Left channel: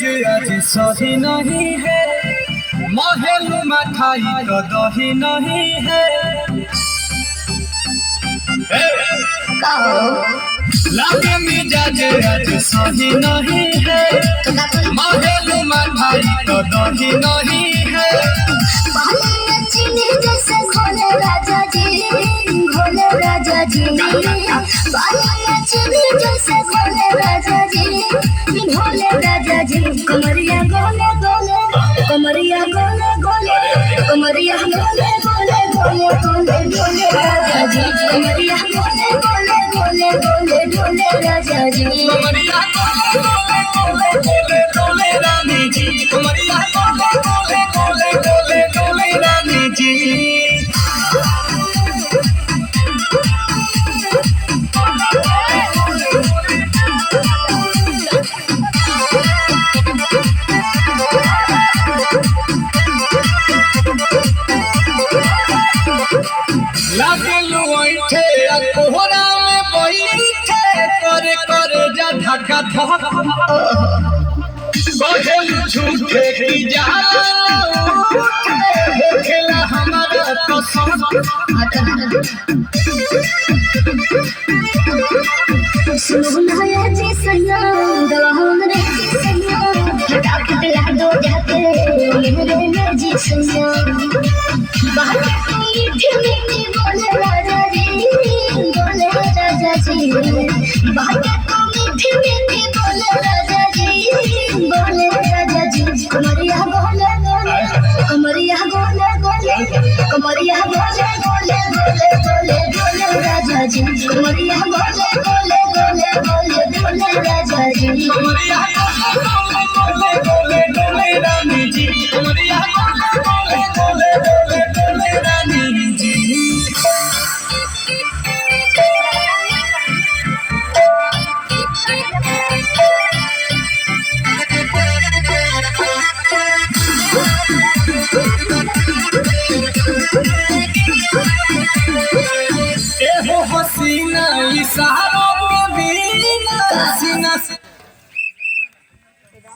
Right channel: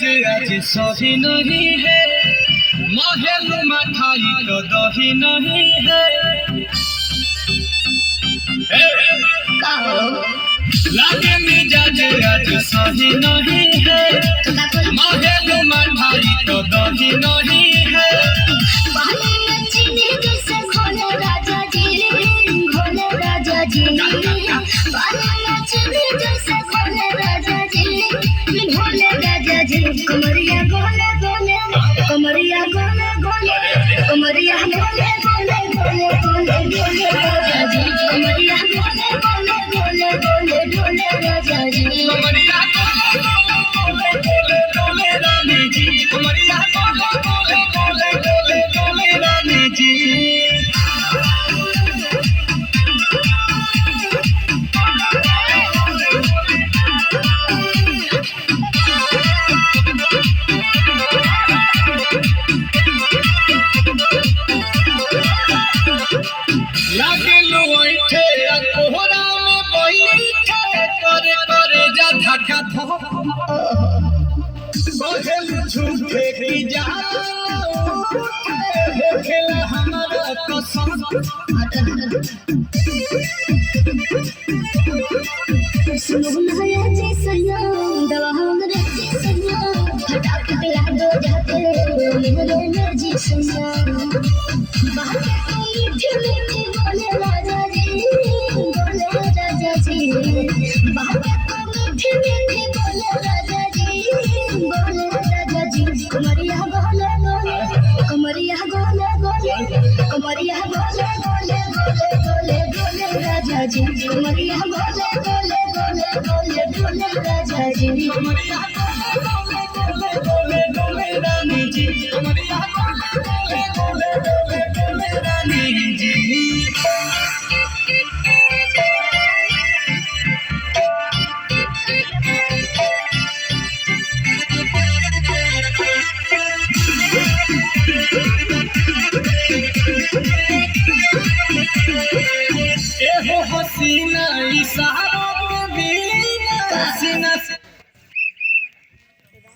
मिजाज आज सही नहीं है, महल मठाई का दही नहीं है। लागे मिजाज आज सही नहीं है, महल मठाई का दही नहीं है। कमरिया गोले गोले कमरिया गोले गोले कमरिया गोले गोले गोले गोले गोले राजा जी कमरिया गोले गोले गोले गोले गोले राजा जी कमरिया गोले गोले गोले गोले रानी जी कमरिया गोले गोले गोले गोले गोले रानी जी। लागे लुइठे कोहरा में बैठे करे करे जा धक्का धक कहल झूठे की जान खेला हमारा कसम। सुनो या जी सैया दवा हमरे जी सैया फटाफट ला दो जाके मेरे में जी सैया बात मीठी मीठी बोले राजा जी बोले राजा जी बात मीठी मीठी बोले राजा जी बोले राजा जी कमरिया बोले बोले कमरिया बोले बोले कमरिया बोले बोले बोले बोले बोले राजा जी कमरिया बोले बोले बोले बोले बोले राजा जी कमरिया गोले गोले गोले गोले रानी जी कमरिया गोले गोले गोले गोले गोले रानी जी। एहो हसीना इशारा